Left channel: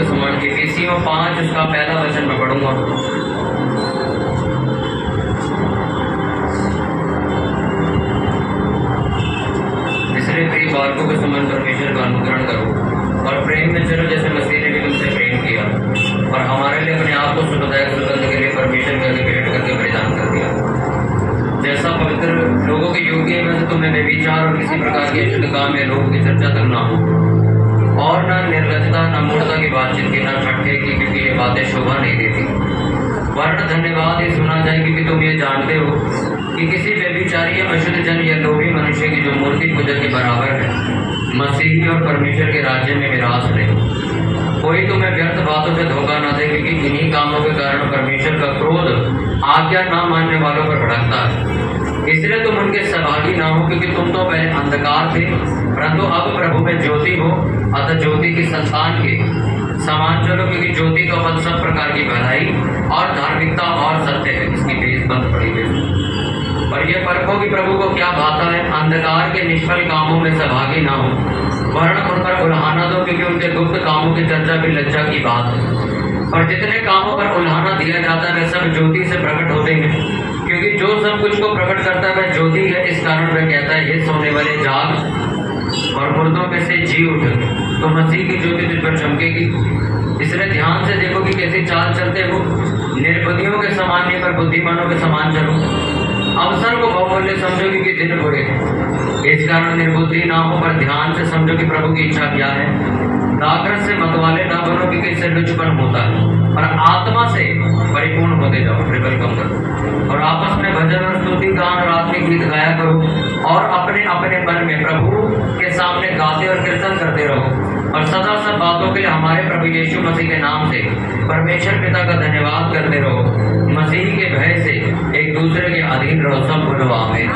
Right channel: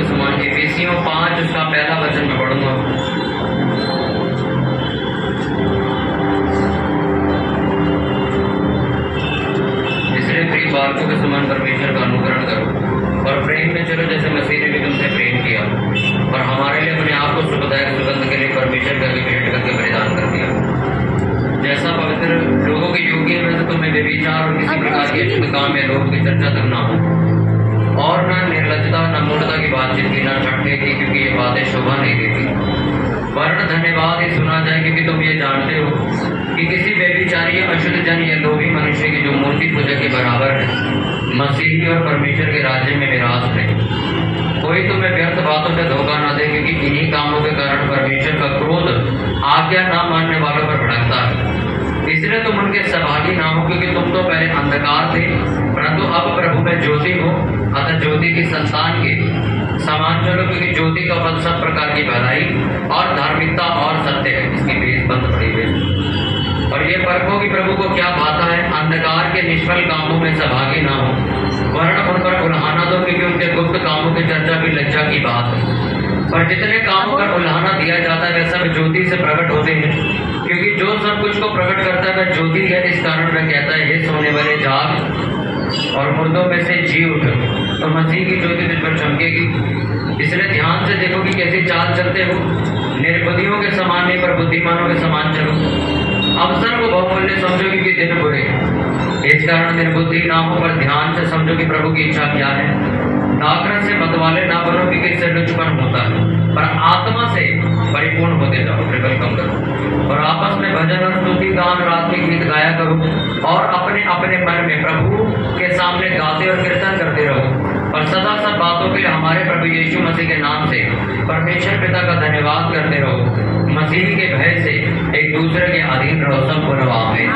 के समान। इफिसियों 5 उसका पहला वचन मैं पढ़ूंगा। इसलिए प्रिय बालकों के समान परमेश्वर का अनुकरण करो और प्रेम में चलो जैसे मसीह ने भी तुमसे प्रेम किया और हमारे लिए अपने आप को सुखदायक सुगंध के लिए परमेश्वर का भेंट करके बलिदान कर दिया। जैसा पवित्र लोगों के योग्य में तुम्हें व्यभिचार और किसी प्रकार के अशुद्ध काम में लोगों की चर्चा तक ना हो और न निर्लज्जता न मूर्खता की बातचीत की न ठट्ठे की, क्योंकि ये बातें शोभा नहीं देती। वरन धन्यवाद ही सुना जाए, क्योंकि तुम ये जानते हो कि किसी व्यभिचारी अशुद्ध जन या लोभी मनुष्य की जो मूर्ति पूजा के बराबर है मसीही और परमेश्वर के राज्य में विराज नहीं। कोई तुम्हें व्यर्थ बातों से धोखा न दे, क्योंकि इन्हीं कामों के कारण परमेश्वर का क्रोध आज्ञा न मानने वालों पर भड़कता है। इसलिए तुम उनके सहभागी ना हो, क्योंकि तुम तो पहले अंधकार थे परंतु अब प्रभु में ज्योति हो। अतः ज्योति की संतान के समान चलो, क्योंकि ज्योति का फल सब प्रकार की भलाई और धार्मिकता और सत्य है। इसकी बेस बंद पड़ी हुई और ये परखो कि प्रभु को क्या भाता है। अंधकार के निष्फल कामों में सहभागी ना हो, वरन उन पर उल्हाना दो, क्योंकि उनके गुप्त कामों की चर्चा भी लज्जा की बात है। पर जितने कामों पर उल्हाना दिया जाता है वे सब ज्योति से प्रकट होते हैं, क्योंकि जो सब कुछ को प्रकट करता है वह ज्योति है। इस कारण वह कहता है, हे सोने वाले जाग और मुर्दों में से जी उठ, तो मसीह की ज्योति तुझ पर चमकेगी। इसलिए ध्यान से देखो कि कैसे चाल चलते हो, निर्बुद्धियों के समान नहीं पर बुद्धिमानों के समान चलो। अवसर को बहुमूल्य समझो, क्योंकि दिन बुरे। इस कारण निर्बुद्धि ना हो, पर ध्यान से समझो कि प्रभु की इच्छा क्या है। दाखरस से मतवाले ना बनो, क्योंकि इससे लुचपन होता है, पर आत्मा से परिपूर्ण होते जाओ। ट्रिपल कम करो और आपस में भजन और स्तुति गान और आत्मिक गीत गाया करो और अपने अपने मन में प्रभु के सामने गाते और कीर्तन करते रहो और सदा सब बातों के लिए हमारे प्रभु यीशु मसीह के नाम से परमेश्वर पिता का धन्यवाद करते रहो। मसीह के भय से एक दूसरे के अधीन रहो। सब बोलो आमीन।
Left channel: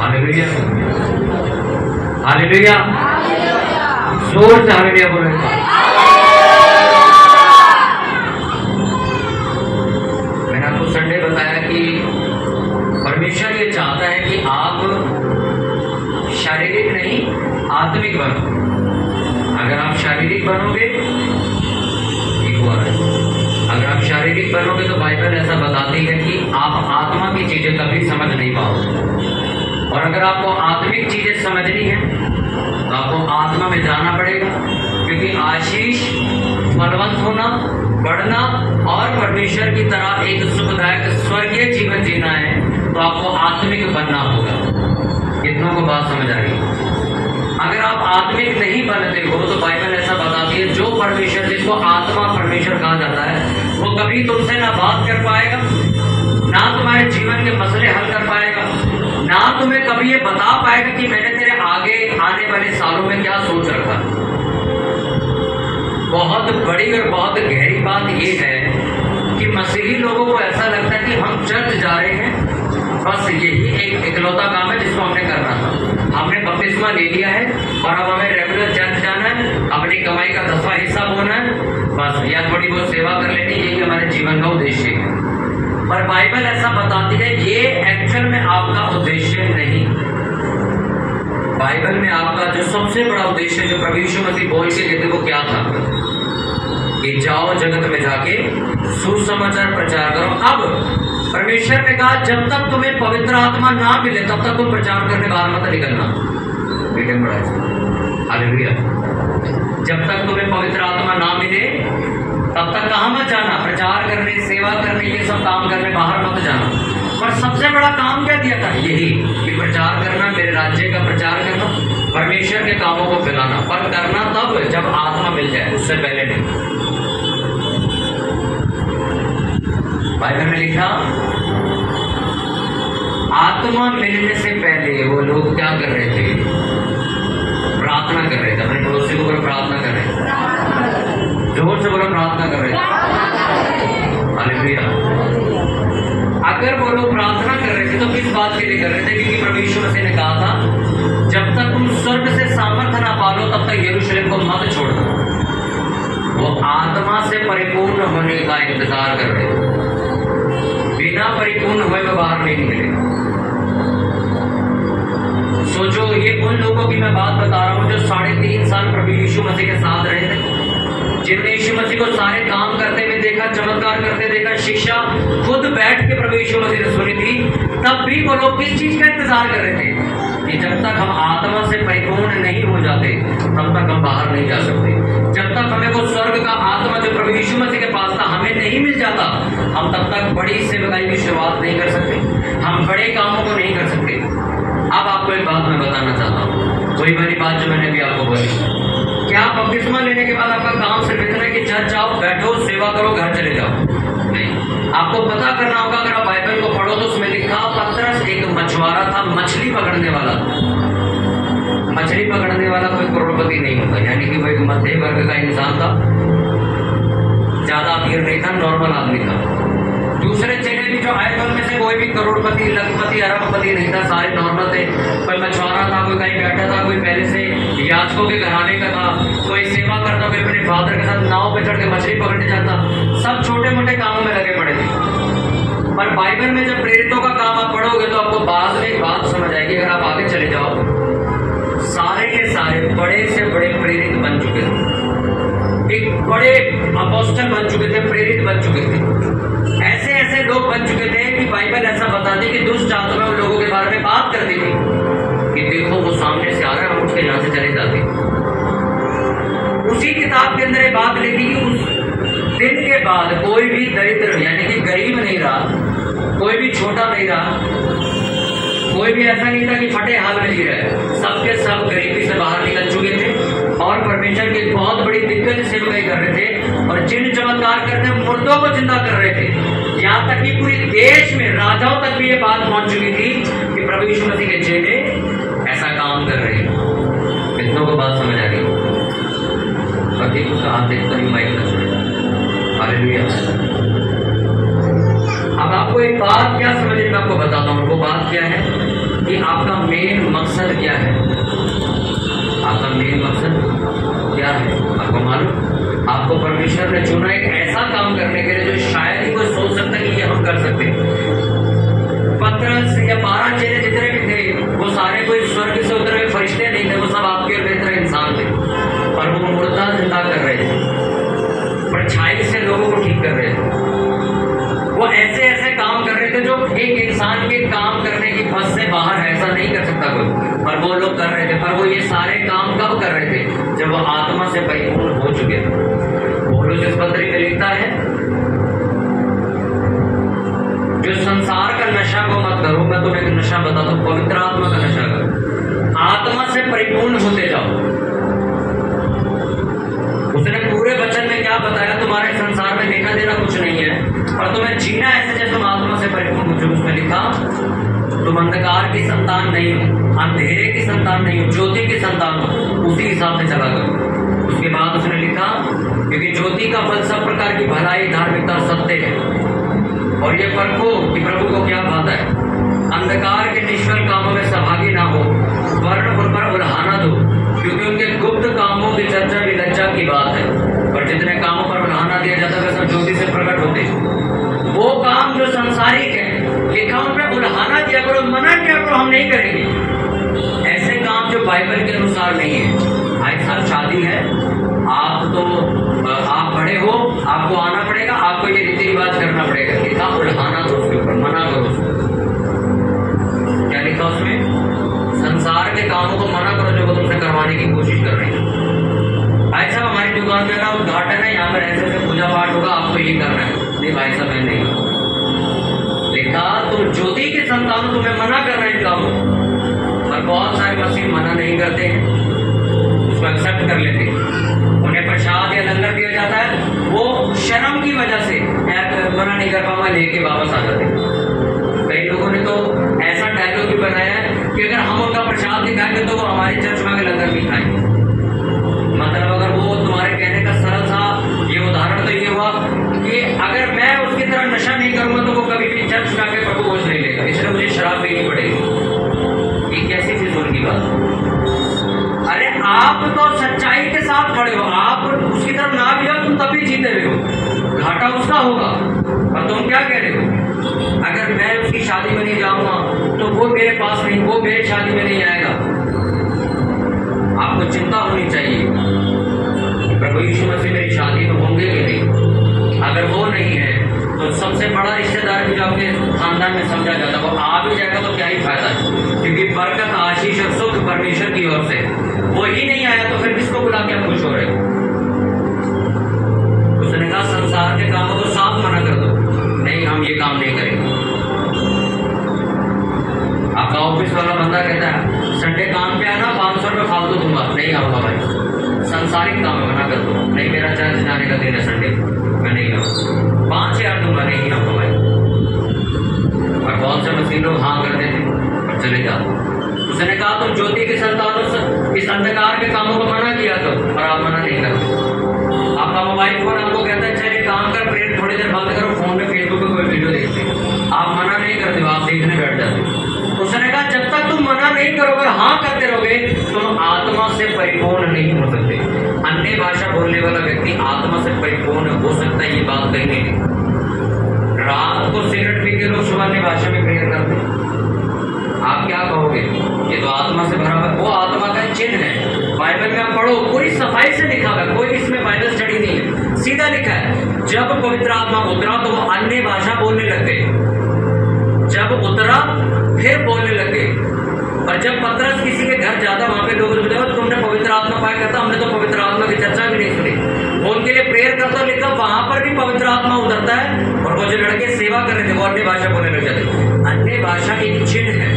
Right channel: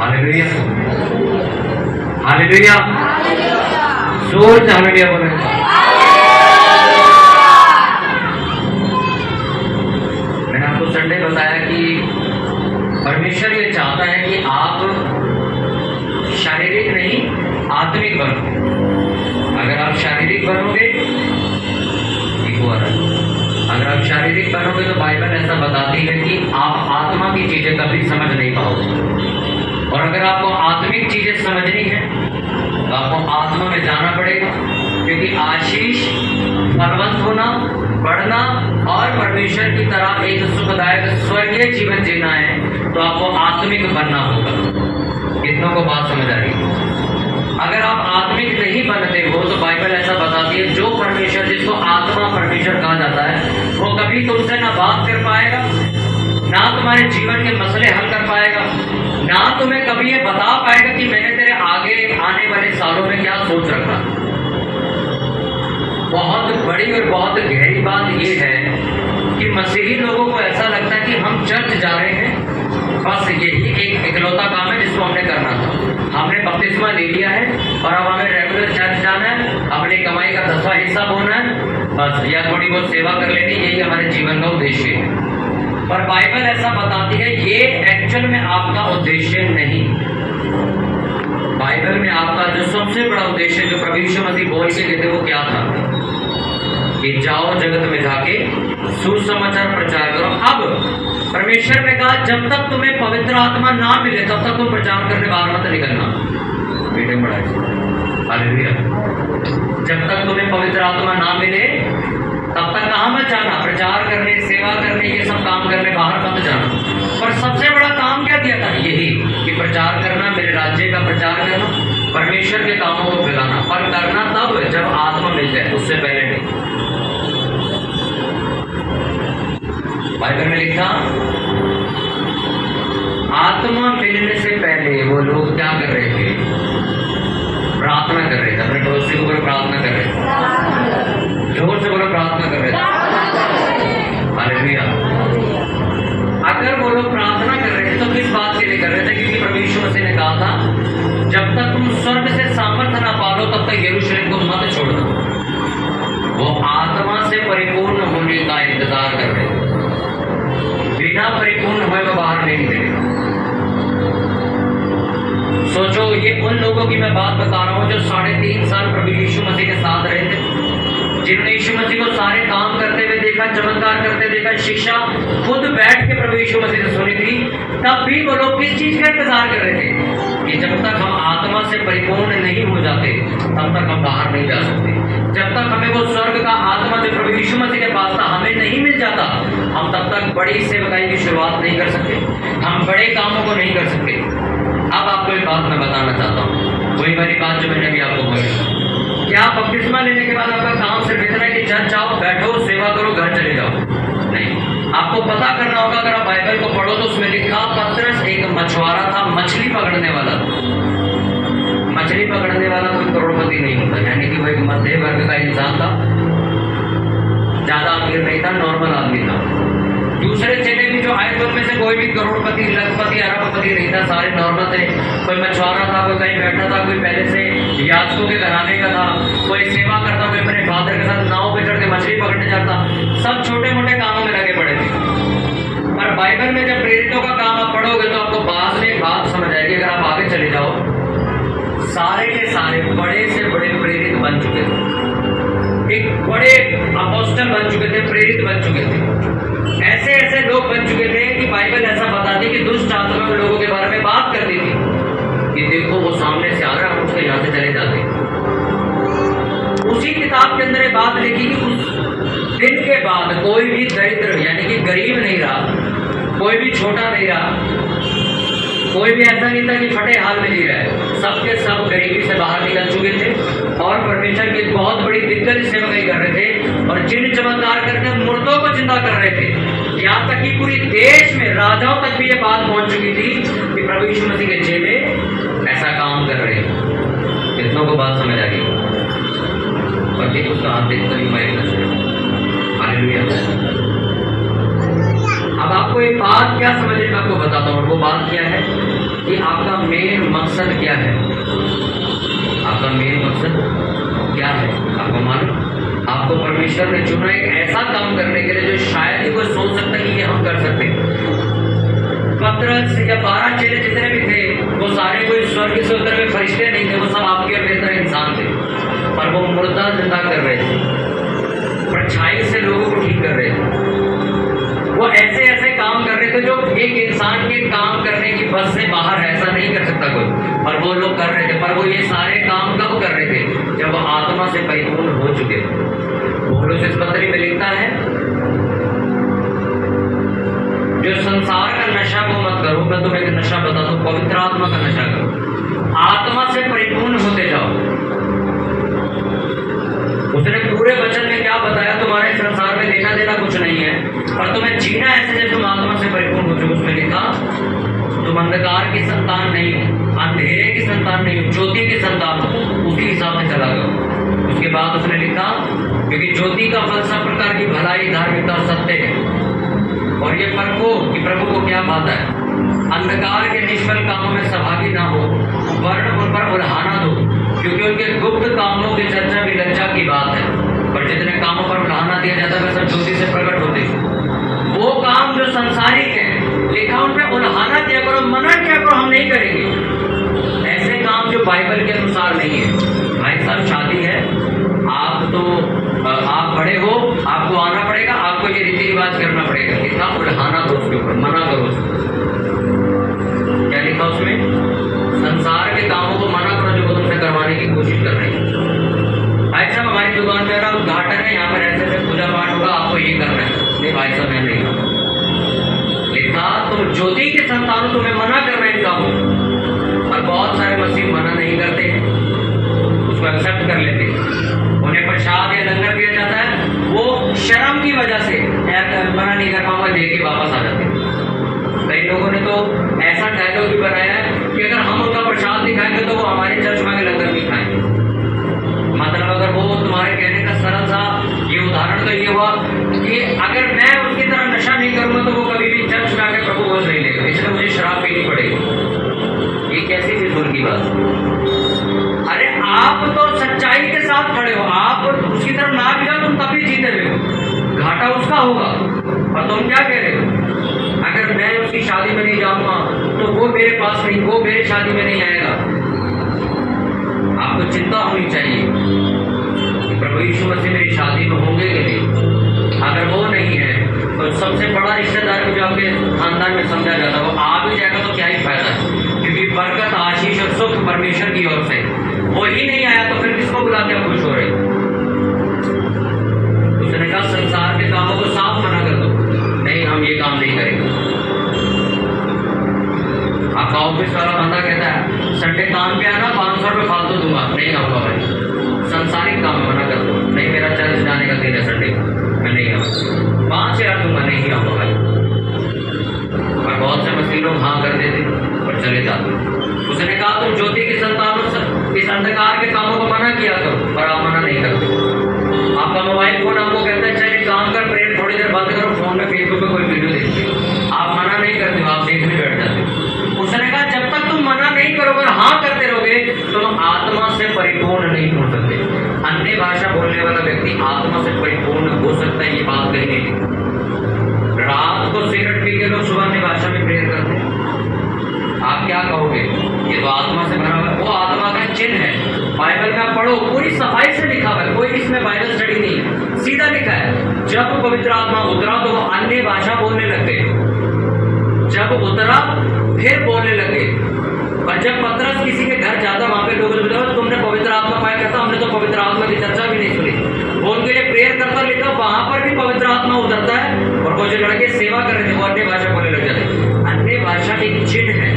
हालेलुया, हालेलुया, जोर से हालेलुया बोलो। मैंने आपको संडे बताया कि परमेश्वर ये चाहता है कि आप शारीरिक नहीं आत्मिक बनो। अगर आप शारीरिक बनोगे अगर आप शारीरिक बनोगे तो बाइबल ऐसा बताती है कि आप आत्मा की चीजें कभी समझ नहीं पाओगे। और अगर आपको आत्मिक चीजें समझनी है तो आपको आत्मा में जाना पड़ेगा, क्योंकि आशीष फलवंत होना, बढ़ना और परमेश्वर की तरह एक सुखदायक स्वर्गीय जीवन जीना है तो आपको आत्मिक बनना होगा। कितनों को बात समझ आ रही? अगर आप आत्मिक नहीं बनते हो तो बाइबल ऐसा बताती है जो परमेश्वर, जिसको आत्मा परमेश्वर कहा जाता है, वो कभी तुमसे ना बात कर पाएगा, ना तुम्हारे जीवन के मसले हल कर पाएगा, ना तुम्हें कभी ये बता पाएगा कि मैंने तेरे आगे आने वाले सालों में क्या सोच रखा। बहुत बड़ी और बहुत गहरी बात यह है कि मसीही लोगों को ऐसा लगता है कि हम चर्च जा रहे हैं, बस यही एक इकलौता काम है जिसको हमने करना था। हमने बपतिस्मा ले लिया है और अब हमें रेगुलर चर्च जाना है, अपनी कमाई का 10वां हिस्सा बोना है, बस या थोड़ी बहुत सेवा कर लेनी, यही हमारे जीवन का उद्देश्य है। पर बाइबल ऐसा बताती है ये एक्चुअल में आपका उद्देश्य नहीं। बाइबल में आपका जो सबसे बड़ा उद्देश्य जो प्रभु यीशु मसीह बोल के देते वो क्या था कि जाओ जगत में जाके सुसमाचार प्रचार करो। अब परमेश्वर ने कहा जब तक तुम्हें पवित्र आत्मा ना मिले तब तक तुम प्रचार करने बाहर मत निकलना। बेटे बड़ा हालेलुया। जब तक तुम्हें पवित्र आत्मा ना मिले तब तक कहां मत जाना, प्रचार करने, सेवा करने, ये सब काम करने बाहर मत जाना। पर सबसे बड़ा काम क्या दिया था? यही कि प्रचार करना, मेरे राज्य का प्रचार करना, परमेश्वर के कामों को फैलाना। पर करना तब जब आत्मा मिल जाए, उससे पहले नहीं। बाइबल में लिखा आत्मा मिलने से पहले वो लोग क्या कर रहे थे? प्रार्थना कर रहे थे। अपने पड़ोसी को बोलो प्रार्थना कर रहे थे। जोर से बोलो प्रार्थना कर रहे थे। हालेलुया। अगर वो लोग प्रार्थना कर रहे थे तो किस बात के लिए कर रहे थे? क्योंकि प्रभु यीशु मसीह ने कहा था जब तक तुम स्वर्ग से सामर्थ्य ना पालो तब तक यरूशलेम को मत छोड़ना। वो आत्मा से परिपूर्ण होने का इंतजार कर रहे थे। बिना परिपूर्ण हुए में बाहर नहीं निकलेगा। सोचो ये उन लोगों की मैं बात बता रहा हूं जो 3.5 देखा, चमत्कार करते देखा, शिक्षा खुद बैठ के प्रभु यीशु मसीह ने सुनी थी, तब भी वो लोग किस चीज का इंतजार कर रहे थे कि जब तक हम आत्मा से परिपूर्ण नहीं हो जाते तब तक हम बाहर नहीं जा सकते। जब तक हमें वो स्वर्ग का आत्मा जो प्रभु यीशु मसीह के पास था हमें नहीं मिल जाता, हम तब तक बड़ी सेवकाई की शुरुआत नहीं कर सकते, हम बड़े कामों को नहीं कर सकते। अब आपको एक बात मैं बताना चाहता हूँ, वही वाली बात जो मैंने अभी आपको बोली। क्या बपतिस्मा लेने के बाद आपका काम सिर्फ इतना है कि चर्च आओ, बैठो, सेवा करो, घर चले जाओ? नहीं, आपको पता करना होगा। अगर आप बाइबल को पढ़ो तो उसमें लिखा पतरस एक मछुआरा था, मछली पकड़ने वाला। मछली पकड़ने वाला कोई करोड़पति नहीं होता, यानी कि वो एक मध्य वर्ग का इंसान था, ज्यादा अमीर नहीं था, नॉर्मल आदमी था। दूसरे चेले भी जो आए थे उनमें से कोई भी करोड़पति, लखपति, अरबपति नहीं था, सारे नॉर्मल थे। कोई मछुआरा था, कोई कहीं बैठा था, कोई पहले से याचकों के घराने का था, कोई सेवा करता, कोई अपने फादर के साथ नाव पे चढ़ के मछली पकड़ने जाता। सब छोटे मोटे कामों में लगे पड़े थे। पर बाइबल में जब प्रेरितों का काम आप पढ़ोगे तो आपको बाद में बात समझ आएगी। अगर आप आगे चले जाओ, सारे के सारे बड़े से बड़े प्रेरित बन चुके थे, एक बड़े अपोस्टल बन चुके थे, प्रेरित बन चुके थे, ऐसे ऐसे लोग बन चुके थे कि बाइबल ऐसा बताती कि दुष्ट आत्मा उन लोगों के बारे में बात करती थी कि देखो वो सामने से आ रहा है, हम उसके यहाँ से चले जाते। उसी किताब के अंदर ये बात लिखी कि उस दिन के बाद कोई भी दरिद्र यानी कि गरीब नहीं रहा, कोई भी छोटा नहीं रहा, कोई भी ऐसा नहीं था कि फटे हाल में जी रहा है। सबके सब गरीबी से बाहर निकल चुके थे और परमेश्वर की बहुत बड़ी दिग्गज सेवकाई कर रहे थे और जिन चमत्कार करके मुर्दों को जिंदा कर रहे थे। यहाँ तक कि पूरी देश में राजाओं तक भी ये बात पहुंच चुकी थी कि प्रभु यीशु मसीह के चेले ऐसा काम कर रहे हैं। कितनों को बात समझ आ गई? पति उसका हाथ देखता ही माइक न छोड़ेगा। हालेलुया। अब आपको एक बात क्या समझ में आपको बताता हूँ, वो बात क्या है कि आपका मेन मकसद क्या है। आपका मेन मकसद क्या है आपको मालूम? आपको परमेश्वर ने चुना एक ऐसा काम करने के लिए जो शायद ही कोई सोच सकता कि ये हम कर सकते। पतरस या 12 चेले जितने भी थे वो सारे कोई स्वर्ग से उतरे हुए फरिश्ते नहीं थे, वो सब आपके और मेरी तरह इंसान थे, पर वो मुर्दा जिंदा कर रहे थे, परछाई से लोगों को ठीक कर रहे थे। वो ऐसे ऐसे काम कर रहे थे जो एक इंसान के काम करने की बस से बाहर ऐसा नहीं कर सकता कोई, पर वो लोग कर रहे थे। पर वो ये सारे काम कब कर रहे थे? जब वो आत्मा से परिपूर्ण हो चुके। पौलुस इस पत्री में लिखता है जो संसार का नशा को मत करो, मैं तुम्हें एक नशा बताता हूं, पवित्र आत्मा का नशा करो, आत्मा से परिपूर्ण होते जाओ। उसने पूरे वचन में क्या बताया? तुम्हारे संसार में लेना देना कुछ नहीं है और तुम्हें जीना ऐसे जैसे तुम आत्मा से परिपूर्ण हो चुके। उसमें लिखा तुम अंधकार की संतान नहीं हो, अंधेरे की संतान नहीं हो, ज्योति की संतान हो, उसी हिसाब से चला करो। उसके बाद उसने लिखा क्योंकि ज्योति का फल सब प्रकार की भलाई, धार्मिकता और सत्य है, और ये परखो कि प्रभु को क्या भाता है। अंधकार के निष्फल कामों में सहभागी ना हो, वर्ण उन पर उल्हाना दो, क्योंकि उनके गुप्त कामों की चर्चा भी लज्जा की बात है, पर जितने कामों पर उल्हाना दिया जाता है वे सब ज्योति से प्रकट होते हैं। वो काम जो संसारिक है लिखा उन पर उल्हाना दिया करो, मना किया करो, हम नहीं करेंगे। ऐसे काम जो बाइबल के अनुसार नहीं है। भाई साहब शादी है, आप बड़े हो, आपको आना पड़ेगा, आपको ये रीति रिवाज करना पड़ेगा। लिखा उल्हाना दो उसके ऊपर, मना करो उसको। क्या लिखा उसमें? संसार के कामों को मना करो जो वो तुमसे करवाने की कोशिश कर रहे हैं। भाई साहब हमारी दुकान में ना उद्घाटन है, यहाँ पर ऐसे पूजा पाठ होगा, आपको ये करना है। नहीं भाई साहब मैं नहीं, लिखा तुम ज्योति के संतान, तुम्हें मना कर रहे हैं कामों। और बहुत सारे मसीह मना नहीं करते हैं, उसको एक्सेप्ट कर लेते हैं। उन्हें प्रसाद या लंगर दिया जाता है, वो शर्म की वजह से मना नहीं कर पाऊंगा, लेके वापस आ जाते हैं। कई लोगों ने तो ऐसा डायलॉग भी बनाया है कि अगर हम उनका प्रसाद दिखाएंगे तो वो हमारे चर्च में लंगर नहीं खाएंगे। मतलब अगर वो तुम्हारे कहने का सरल सा ये उदाहरण तो ये हुआ कि अगर मैं उसकी तरह नशा नहीं करूंगा तो वो कभी भी चर्च में आके प्रभु भोज नहीं लेगा, इसलिए मुझे शराब पीनी पड़ेगी। ये कैसी फिजूल की बात? अरे आप तो सच्चाई के साथ खड़े हो, आप उसकी तरफ ना भी जाओ, तुम तभी जीते हुए हो, घाटा उसका होगा। और तुम क्या कह रहे हो? अगर मैं उसकी शादी में नहीं जाऊंगा तो वो मेरे पास नहीं, वो मेरी शादी में नहीं आएगा। आपको चिंता होनी चाहिए कि प्रभु यीशु मसीह मेरी शादी में होंगे कि नहीं। अगर वो नहीं चर्च जाने का दिन है संडे, मैं नहीं आऊँगा, 5,000 दूंगा, नहीं आऊँगा भाई। और बहुत से मसीह लोग हाँ कर देते और चले जाते। उसने कहा तुम ज्योति की संतानों से इस अंधकार के कामों को मना किया करो, पर आप मना नहीं करते। आपका मोबाइल फोन आपको कहता है चलिए काम कर, प्रेयर थोड़ी देर बंद करो, फोन में फेसबुक पे कोई वीडियो देखते हो, आप मना नहीं करते हो, आप देखने बैठ जाते हो। उसने कहा जब तक तुम मना नहीं करोगे, हाँ करते रहोगे, तुम आत्मा से परिपूर्ण नहीं हो सकते। अन्य भाषा बोलने वाला व्यक्ति आत्मा से परिपूर्ण हो सकता है, ये बात कहीं नहीं लिखी। रात को सिगरेट पी के लोग सुबह अपनी भाषा में प्रेयर करते हैं, आप क्या कहोगे? ये तो आत्मा से भरा हुआ है, वो आत्मा का चिन्ह है। बाइबल में आप पढ़ो, पूरी सफाई से लिखा हुआ है, कोई इसमें बाइबल स्टडी नहीं है, सीधा लिखा है। जब पवित्र आत्मा उतरा तो वो अन्य भाषा बोलने लग गए, जब उतरा फिर बोलने लगे। और जब पतरस किसी के घर जाता, वहां पे लोग बोलते तुमने पवित्र आत्मा पाया करता, हमने तो पवित्र आत्मा की चर्चा भी नहीं सुनी। वो उनके लिए प्रेयर करता, लिखा वहां पर भी पवित्र आत्मा उतरता है। और वो जो लड़के सेवा कर रहे थे वो अन्य भाषा बोलने लग जाते। अन्य भाषा एक चिन्ह है,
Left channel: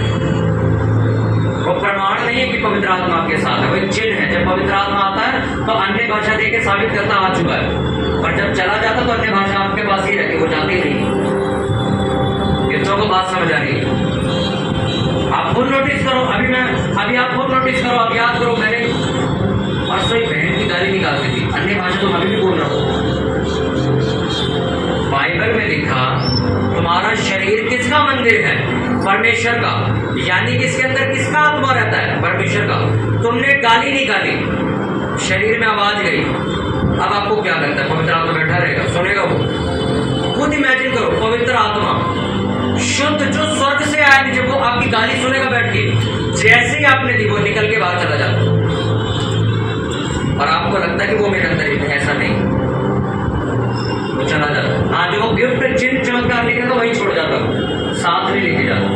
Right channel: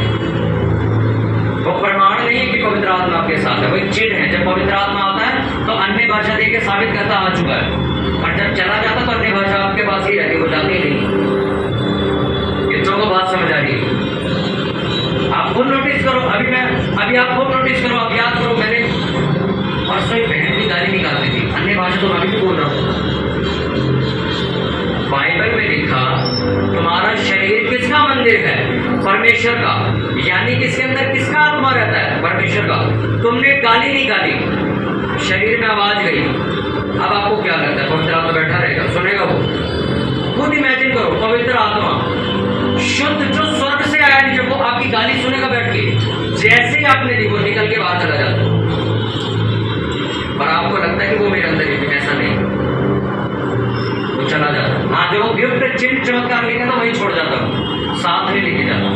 वो प्रमाण नहीं है कि पवित्र आत्मा आपके साथ है, वो एक चिन्ह है। जब पवित्र आत्मा आता है तो अन्य भाषा दे के साबित करता आ चुका है, और जब चला जाता तो अन्य भाषा आपके पास ही रहती, वो जाती ही नहीं। कितनों को बात समझ आ रही है? आप खुद नोटिस करो, अभी आप खुद नोटिस करो, आप याद करो, मैंने परसों ही बहन की गाली निकालती थी, अन्य भाषा तो अभी भी बोल रहा हूँ। बाइबल में लिखा तुम्हारा शरीर किसका मंदिर है? परमेश्वर का। यानी कि इसके अंदर किसका आत्मा रहता है? परमेश्वर का। तुमने गाली निकाली, शरीर में आवाज गई, अब आपको क्या करता है? पवित्र आत्मा बैठा रहेगा, सुनेगा वो? खुद इमेजिन करो, पवित्र आत्मा शुद्ध जो स्वर्ग से आया, जब वो आपकी गाली सुनेगा बैठ के, जैसे ही आपने दी वो निकल के बाहर चला जाता, और आपको लगता है कि वो मेरे अंदर ही, ऐसा नहीं, वो चला जाता। हाँ, जो गिफ्ट चिन्ह चमत्कार लिखा था वही छोड़ जाता, साथ में लेके जाता।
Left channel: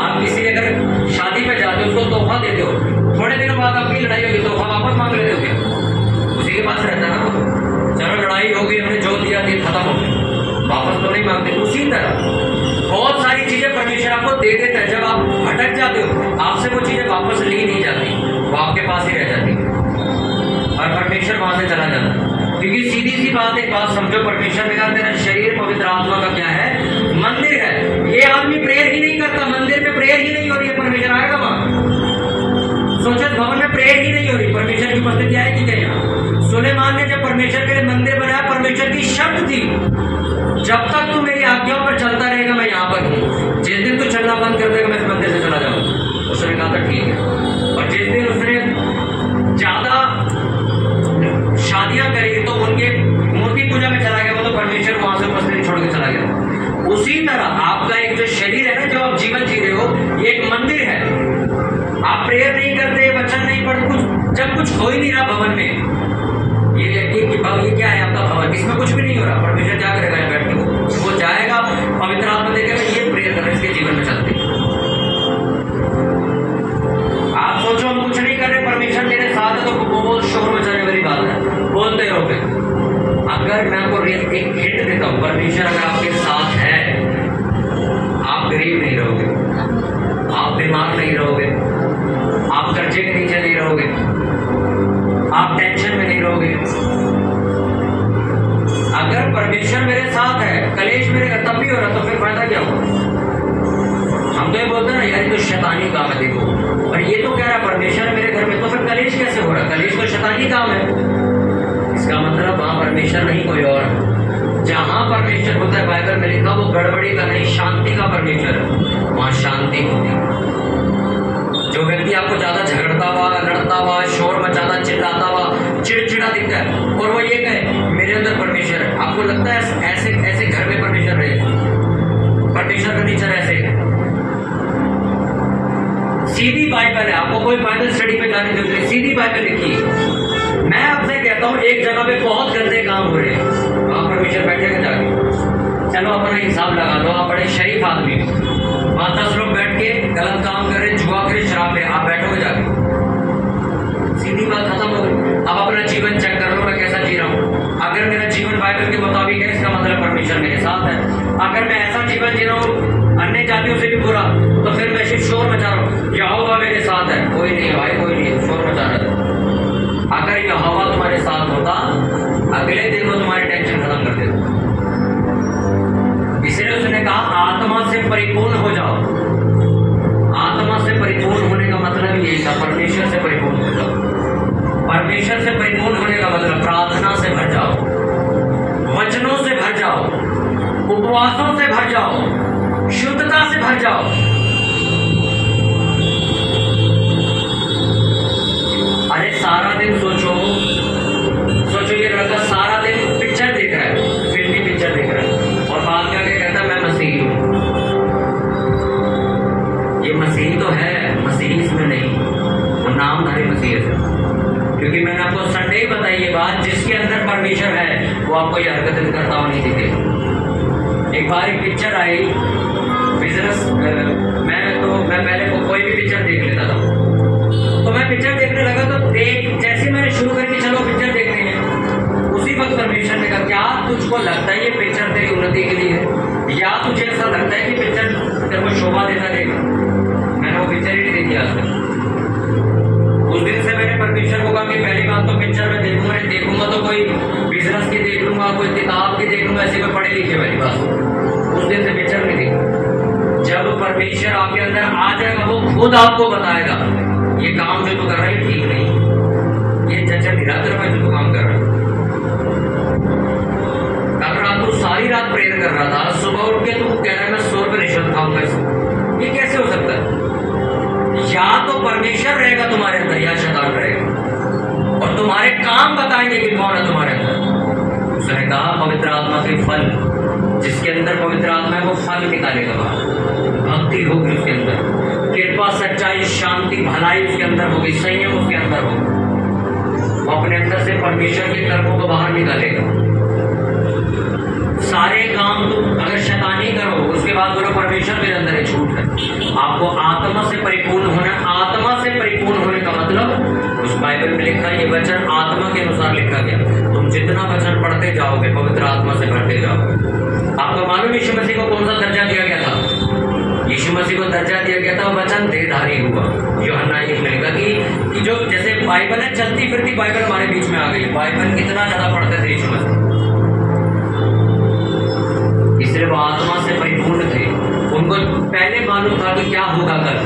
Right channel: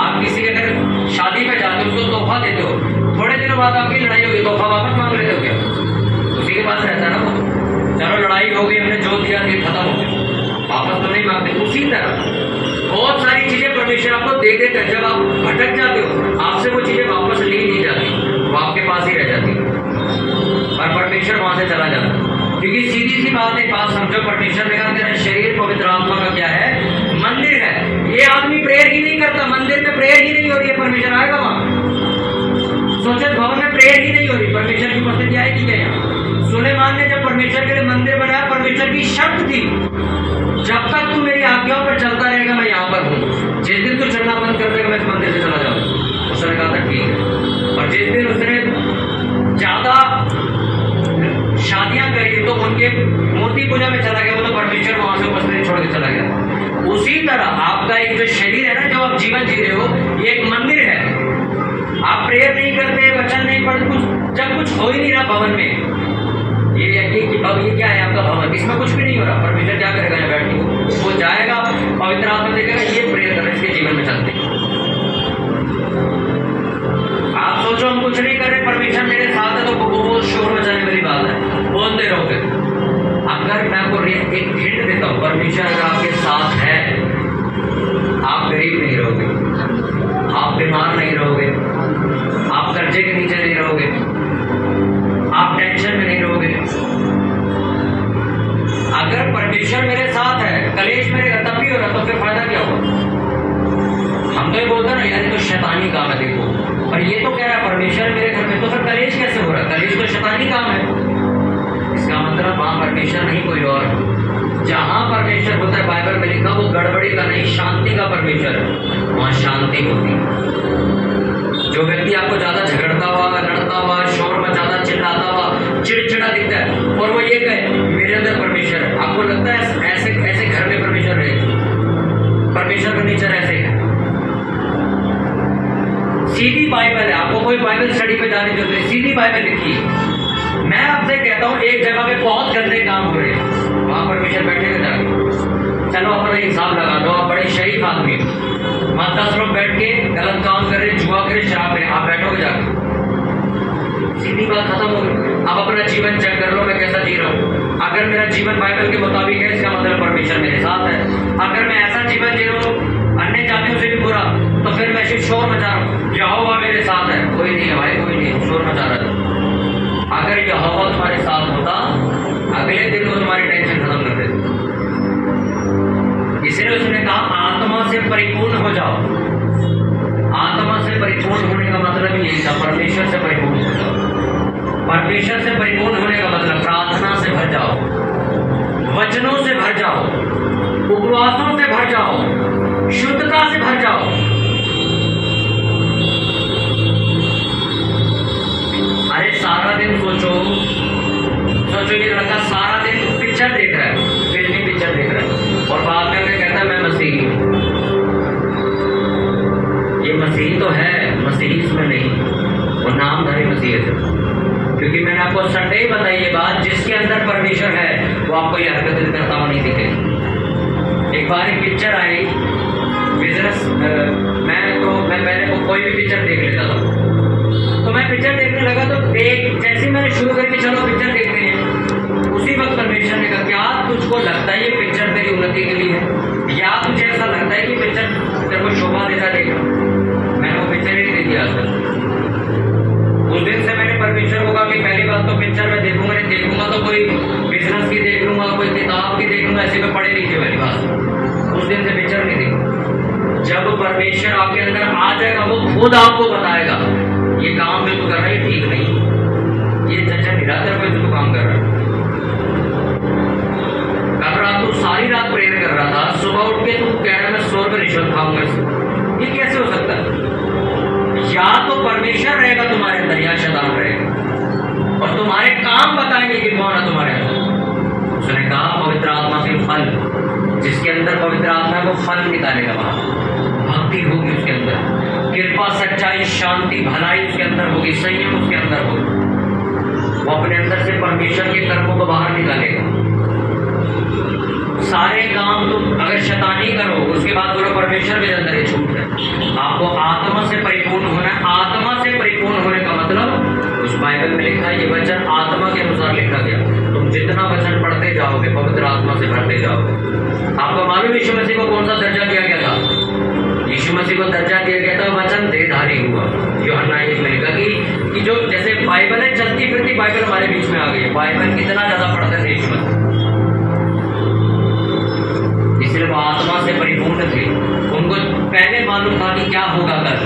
आप किसी के अगर शादी में जाते हो, उसको तोहफा देते हो, थोड़े दिनों बाद आपकी लड़ाई होगी, तोहफा वापस मांग लेते हो क्या? उसी के पास रहता ना वो। चलो लड़ाई हो गई, हमने जो दिया खत्म हो गया, वापस तो नहीं मांगते। उसी तरह बहुत सारी चीजें परमेश्वर आपको दे देता है, जब आप भटक जाते हो आपसे वो चीजें वापस ली नहीं जाती, वो आपके पास ही रह जाती और परमेश्वर वहां से चला जाता। क्योंकि सीधी सी बात, एक बात समझो, परमेश्वर ने कहा तेरा शरीर पवित्र आत्मा का क्या है? मंदिर है। ये आदमी प्रेयर ही नहीं करता, मंदिर में प्रेयर ही नहीं हो रही है, परमेश्वर आएगा वहां? सोचो, भवन में प्रेयर ही नहीं हो रही, परमेश्वर की उपस्थिति आएगी क्या यहाँ? सुलेमान ने जब परमेश्वर के लिए मंदिर बनाया, परमेश्वर की शर्त थी जब तक तू मेरी आज्ञाओं पर चलता रहेगा मैं यहाँ पर हूँ, जिस दिन तू चलना बंद कर देगा मैं इस मंदिर से चला जाऊंगा। उसने कहा था ठीक है। और जिस दिन उसने ज्यादा शादियां करी तो उनके मूर्ति पूजा में चला गया, वो तो परमेश्वर वहां से उपस्थिति छोड़ के चला गया। उसी तरह आपका एक जो शरीर है ना, जब आप जीवन जी रहे हो, ये एक मंदिर है। आप प्रेयर नहीं करते, वचन नहीं पढ़ते, कुछ जब कुछ हो ही नहीं रहा भवन में, ये व्यक्ति की ये क्या है आपका भवन, इसमें कुछ भी नहीं हो रहा, परमेश्वर क्या करेगा बैठ के? वो जाएगा, पवित्र आत्मा देखेगा, ये प्रेयर कर रहे हैं, इसके जीवन में चलते। आप सोचो हम कुछ नहीं कर रहे, परमेश्वर मेरे साथ है, तो वो शोर मचाने वाली बात है, बोलते रहो। फिर अगर मैं आपको एक हिंट देता हूँ, परमेश्वर अगर आपके साथ है, आप गरीब नहीं रहोगे, आप बीमार नहीं रहोगे, आप कर्जे के नीचे नहीं रहोगे, आप टेंशन में नहीं रहोगे। अगर परमेश्वर मेरे साथ है, कलेश मेरे घर तब भी हो रहा, तो फिर फायदा क्या होगा? हम तो ये बोलते हैं ना यार, ये तो शैतानी काम है, देखो, और ये तो कह रहा है परमेश्वर मेरे घर में, तो फिर कलेश कैसे हो रहा है? कलेश तो शैतानी काम है। इसका मतलब वहां परमेश्वर नहीं कोई और। जहां परमेश्वर होता है, बाइबल में लिखा, वो गड़बड़ी का नहीं, शांति का परमेश्वर है, वहां शांति होती है। जो व्यक्ति आपको ज्यादा झगड़ता हुआ, लड़ता हुआ, शोर मचाता, चिल्लाता हुआ, चिड़चिड़ा दिखता है, और वो ये कहे मेरे अंदर परमेश्वर है, आपको लगता है ऐसे ऐसे घर में परमेश्वर रहे? परमेश्वर का नेचर ऐसे है। सीधी बाइबल है, आपको कोई बाइबल स्टडी में जाने की जरूरत नहीं, सीधी बाइबल लिखी है। मैं आपसे कहता हूँ, एक जगह पे बहुत गंदे काम हो रहे हैं, वहां परमेश्वर बैठेगा जाके? चलो अपना हिसाब लगा लो, आप बड़े शरीफ आदमी हो, वहां 10 लोग बैठ के गलत काम कर रहे, जुआ करे, शराब पे, आप बैठोगे जाके? सीधी बात खत्म हो गई। अब अपना जीवन चेक कर लो, मैं कैसा जी रहा हूँ। अगर मेरा जीवन बाइबल के मुताबिक है, इसका मतलब परमेश्वर मेरे साथ है। अगर मैं ऐसा जीवन जी रहा हूँ अन्य जातियों से भी बुरा, तो फिर मैं सिर्फ शोर मचा रहा हूँ, यहोवा मेरे साथ है। कोई नहीं है भाई, कोई नहीं है, शोर मचा रहा है। अगर यहोवा तुम्हारे साथ होता, अगले परिपूर्ण हो जाओ। आत्मा से परिपूर्ण होने का मतलब यही था, परमेश्वर से परिपूर्ण हो जाओ। परमेश्वर से परिपूर्ण होने का मतलब प्रार्थना से भर जाओ, वचनों से भर जाओ, उपवासों से भर जाओ, शुद्धता से भर जाओ। अरे सारा दिन सोचो ये लड़का सारा दिन पिक्चर देख रहा है, फिल्मी पिक्चर देख रहा है, और बाद में आके कहता है मैं मसीही हूं। ये मसीही तो है, मसीही इसमें नहीं, वो नामधारी मसीही है। क्योंकि मैंने आपको संडे बताई ये बात, जिसके अंदर परमेश्वर है वो आपको ये हरकतें करता हुआ नहीं दिखेगी। एक बार एक पिक्चर आई बिजनेस, मैं पहले कोई भी पिक्चर देख लेता था, तो मैं पिक्चर देखने लगा तो जैसे मैंने शुरू करके चलो पिक्चर देखते हैं, उसी वक्त परमेश्वर ने कहा क्या तुझको लगता है ये पिक्चर तेरी उन्नति के लिए है, या तुझे ऐसा लगता है कि पिक्चर तेरे को शोभा देता रहेगा? मैंने वो पिक्चर ही नहीं देखी आज तक। उस दिन से मैंने परमेश्वर को कहा कि पहली बात तो पिक्चर मैं देखूंगा तो कोई बिजनेस की देख लूंगा, कोई किताब की देख लूंगा, ऐसे कोई पढ़े लिखे वाली बात। उस दिन से पिक्चर नहीं देखी। जब परमेश्वर आपके अंदर आ जाएगा वो खुद आपको बताएगा ये काम जो तू कर रहा है ठीक नहीं, ये चर्चा निरातर में जो तू काम कर रहा है। कल रात तू सारी रात प्रेयर कर रहा था, सुबह उठ के तू कह रहा है मैं 100 रुपये रिश्वत खाऊंगा, ये कैसे हो सकता है? या तो परमेश्वर रहेगा तुम्हारे अंदर या शैतान रहेगा, और तुम्हारे काम बताएंगे कि कौन है तुम्हारे अंदर। उसने कहा पवित्र आत्मा के फल, जिसके अंदर पवित्र आत्मा है वो फल निकालेगा बाहर। भक्ति होगी उसके अंदर, कृपा, सच्चाई, शांति, भलाई उसके अंदर होगी, संयम उसके अंदर होगा। वो अपने अंदर से परमेश्वर के कर्मों को बाहर निकालेगा। सारे काम तुम अगर शैतानी करो उसके बाद बोलो परमेश्वर मेरे अंदर है, झूठ है। आपको आत्मा से परिपूर्ण होना है। आत्मा से परिपूर्ण होने का मतलब उस बाइबल में लिखा है, ये वचन आत्मा के अनुसार लिखा गया। तुम जितना वचन पढ़ते जाओगे पवित्र आत्मा से भरते जाओगे। आपको मालूम यीशु मसीह को कौन सा दर्जा दिया गया था? यीशु मसीह को दर्जा दिया गया था वचन देहधारी हुआ। यूहन्ना 1 में लिखा कि जो जैसे बाइबल है, चलती फिरती बाइबल हमारे बीच में आ गई है। बाइबल कितना ज्यादा पढ़ते थे यीशु मसीह, इसलिए वो आत्मा से परिपूर्ण थे। उनको पहले मालूम था कि क्या होगा कल।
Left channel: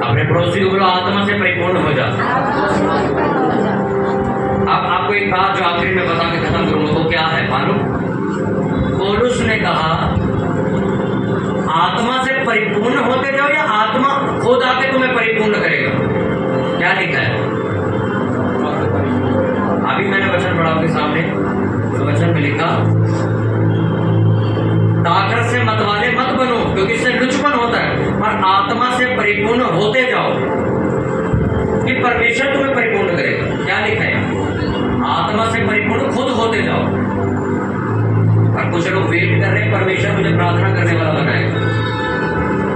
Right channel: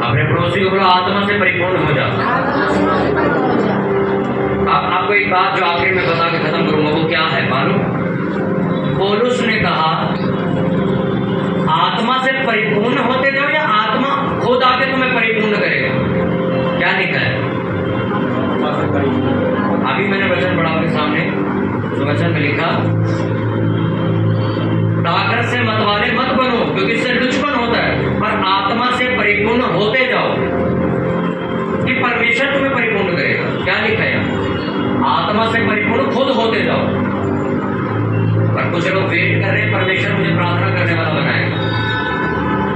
अपने पड़ोसी को बोलो आत्मा से परिपूर्ण हो जा। अब आपको एक बात जो आखिर में बता के खत्म करूंगा वो क्या है मालूम? पौलुस ने कहा आत्मा से परिपूर्ण होते जाओ या आत्मा खुद आके तुम्हें परिपूर्ण करेगा। क्या लिखा है? अभी मैंने वचन पढ़ा आपके सामने, तो वचन में लिखा ताकत से मतवाले मत बनो क्योंकि इससे लुचपन होता है, पर आत्मा से परिपूर्ण होते जाओ कि परमेश्वर तुम्हें परिपूर्ण करेगा। क्या लिखा है? आत्मा से परिपूर्ण खुद होते जाओ। पर कुछ लोग वेट कर रहे हैं परमेश्वर मुझे प्रार्थना करने वाला बनाएगा,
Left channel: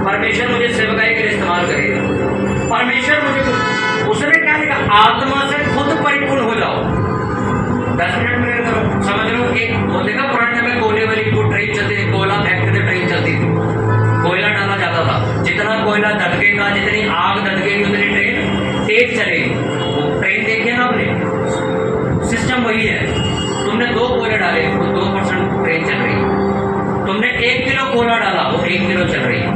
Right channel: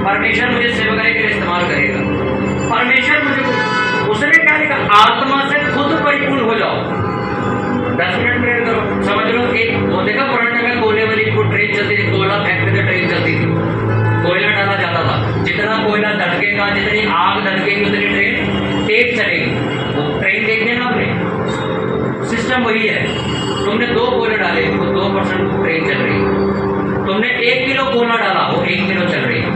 परमेश्वर मुझे सेवकाई के लिए इस्तेमाल करेगा, परमेश्वर मुझे। उसने क्या लिखा? आत्मा से खुद परिपूर्ण हो जाओ। 10 मिनट प्रेयर करो। समझ लो एक वो देखा पुराने में कोयले वाली वो ट्रेन चलती थी, कोयला फेंकते थे, ट्रेन चलती थी, कोयला डाला जाता था। जितना कोयला धड़केगा, जितनी आग धड़केगी उतनी ट्रेन तेज चलेगी। वो ट्रेन देखिए ना आपने, सिस्टम वही है। तुमने 2 कोयले डाले वो 2% ट्रेन चल रही है। तुमने 1 किलो कोयला डाला वो 1 किलो चल रही है।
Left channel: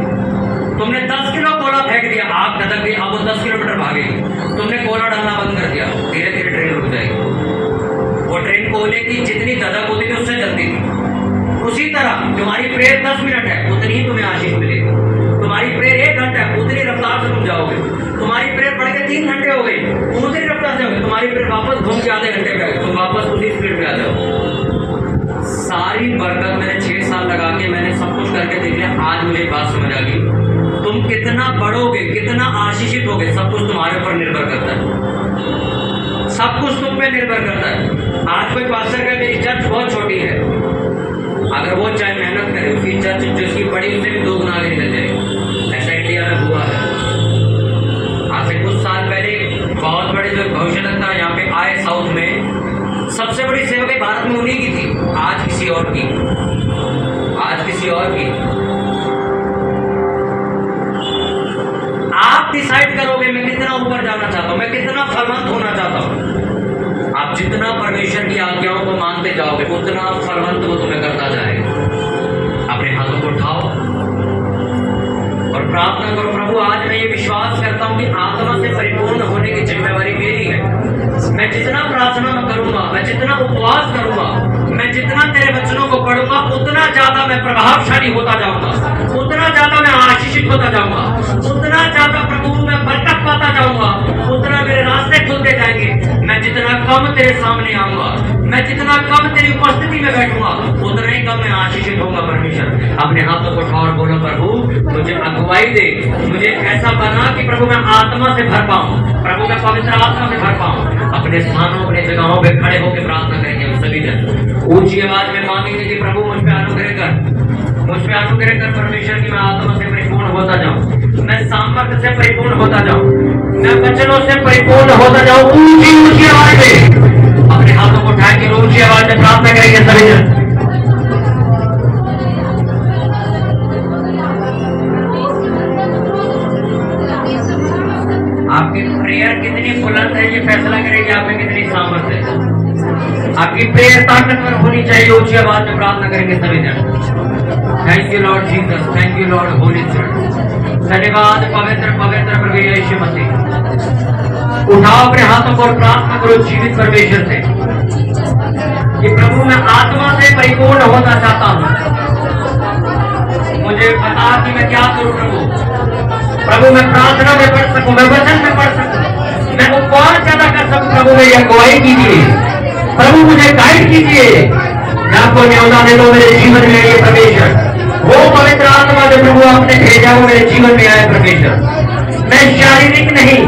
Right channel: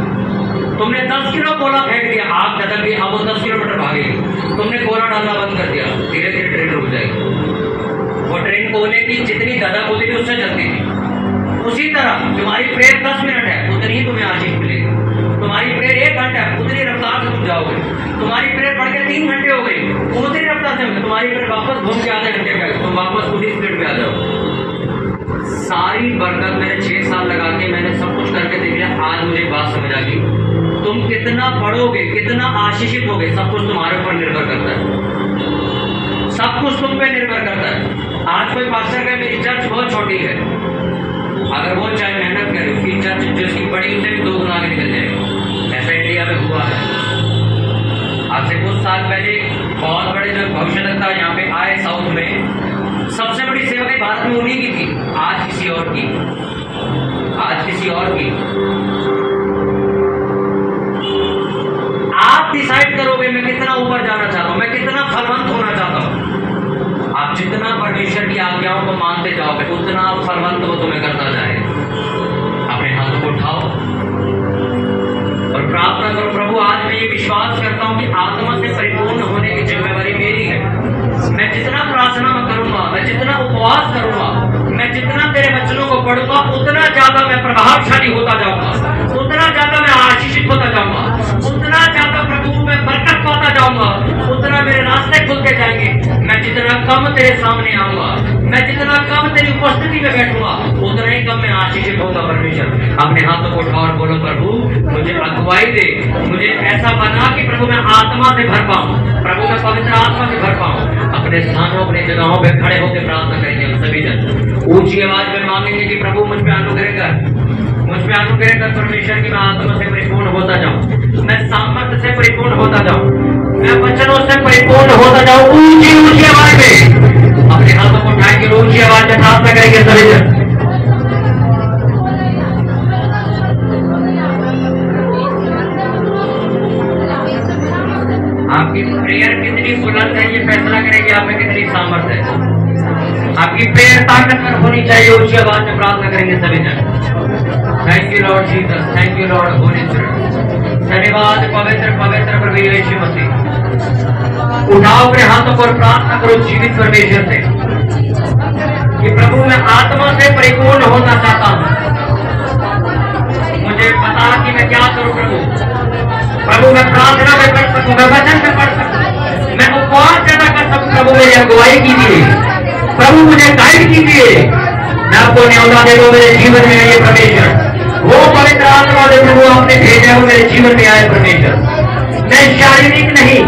तुमने 10 किलो कोयला फेंक दिया, आग धधक गई, अब वो 10 किलोमीटर भागेगी। तुमने कोयला डालना बंद कर दिया, धीरे धीरे ट्रेन रुक जाएगी। वो ट्रेन कोयले की जितनी धधक होती थी उससे चलती थी। उसी तरह तुम्हारी प्रेयर 10 मिनट है उतनी ही तुम्हें आशीष मिलेगी। तुम्हारी प्रेयर 1 घंटा है उतनी रफ्तार से तुम जाओगे। तुम्हारी प्रेयर बढ़ के 3 घंटे हो गई उतनी रफ्तार से होगी। तुम्हारी प्रेयर वापस घूम के आधे घंटे में तुम वापस उसी स्पीड में आ जाओ। सारी बरकत मैंने 6 साल लगा के मैंने सब कुछ करके देख लिया। आज मुझे बात समझ आ गई, तुम कितना बढ़ोगे, कितना आशीषित होगे, सब कुछ तुम्हारे ऊपर निर्भर करता है। सब कुछ तुम पे निर्भर करता है। आज कोई पास्टर कहे मेरी चर्च बहुत छोटी है, अगर वो चाहे मेहनत करे उसकी चर्च जिसकी बड़ी उसे भी 2 गुना आगे निकल जाएगी। ऐसा इंडिया में हुआ है। आज से कुछ साल पहले बहुत बड़े जो भविष्यवक्ता यहाँ पे आए साउथ में, सबसे बड़ी सेवा की भारत में उन्हीं की थी। आज किसी और की, आज किसी और की। आप डिसाइड करोगे मैं कितना ऊपर जाना चाहता हूं, मैं कितना फलवंत होना चाहता हूं। आप जितना परमेश्वर की आज्ञाओं को मानते जाओगे उतना फलवंत वो तुम्हें करता जाएगा। अपने हाथों को उठाओ, प्रार्थना करो। प्रभु आज मैं ये विश्वास करता हूँ कि आत्मा से परिपूर्ण होने की जिम्मेवारी मेरी है। मैं जितना प्रार्थना में करूंगा, मैं जितना उपवास करूंगा, मैं जितना तेरे वचनों को पढ़ूंगा, उतना ज्यादा मैं प्रभावशाली होता जाऊंगा, उतना ज्यादा मैं आशीषित होता जाऊंगा, उतना ज्यादा प्रभु मैं बरकत पाता जाऊंगा, उतना मेरे रास्ते खुलते जाएंगे। मैं जितना कम तेरे सामने आऊंगा, मैं जितना कम तेरी उपस्थिति में बैठूंगा, उतना ही कम मैं आशीषित होगा। परमेश्वर अपने हाथों को उठाओ और बोलो, प्रभु मुझे अगुवाई दे, मुझे ऐसा बना कि प्रभु मैं आत्मा से भर पाऊं, प्रभु मैं पवित्र आत्मा से भर पाऊं। अपने स्थानों, अपने जगहों पे खड़े होकर प्रार्थना करेंगे हम सभी जन। ऊंची आवाज में मांगेंगे कि प्रभु मुझ पे अनुग्रह कर, मुझ पे अनुग्रह कर परमेश्वर की मैं आत्मा से परिपूर्ण होता जाऊं, मैं सामर्थ्य से परिपूर्ण होता जाऊं, मैं वचनों से परिपूर्ण होता जाऊं। ऊंची आवाज में अपने हाथों को उठाएंगे, ऊंची आवाज में प्रार्थना करेंगे सभी जन। आपकी प्रेयर कितनी बुलंद है ये फैसला करेगी आप में कितनी सामर्थ्य है। आपकी प्रेयर ताकतवर होनी चाहिए। ऊंची आवाज में प्रार्थना करेंगे सभी जन। Thank you Lord Jesus, thank you Lord Holi spirit. धन्यवाद पवित्र पवित्र प्रभु यीशु मसीह। उठाओ अपने हाथों को और प्रार्थना करो जीवित परमेश्वर से कि प्रभु मैं आत्मा से परिपूर्ण होना चाहता हूँ, मुझे बता कि मैं क्या करूँ प्रभु। प्रभु मैं प्रार्थना में पढ़ सकूं, मैं वचन में पढ़ सकूं, मैं उपवास ज्यादा कर सकूं। प्रभु मेरी अगुवाई कीजिए, प्रभु मुझे गाइड कीजिए। मैं आपको न्योता दे दो मेरे जीवन में ये परमेश्वर, वो पवित्र आत्मा जो प्रभु आपने भेजा वो मेरे जीवन में आए परमेश्वर। मैं शारीरिक नहीं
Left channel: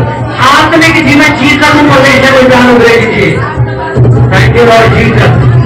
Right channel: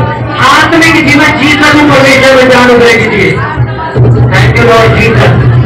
आत्मिक जीवन जी सकूं परमेश्वर, मुझे अनुग्रह कीजिए। Thank you Lord Jesus.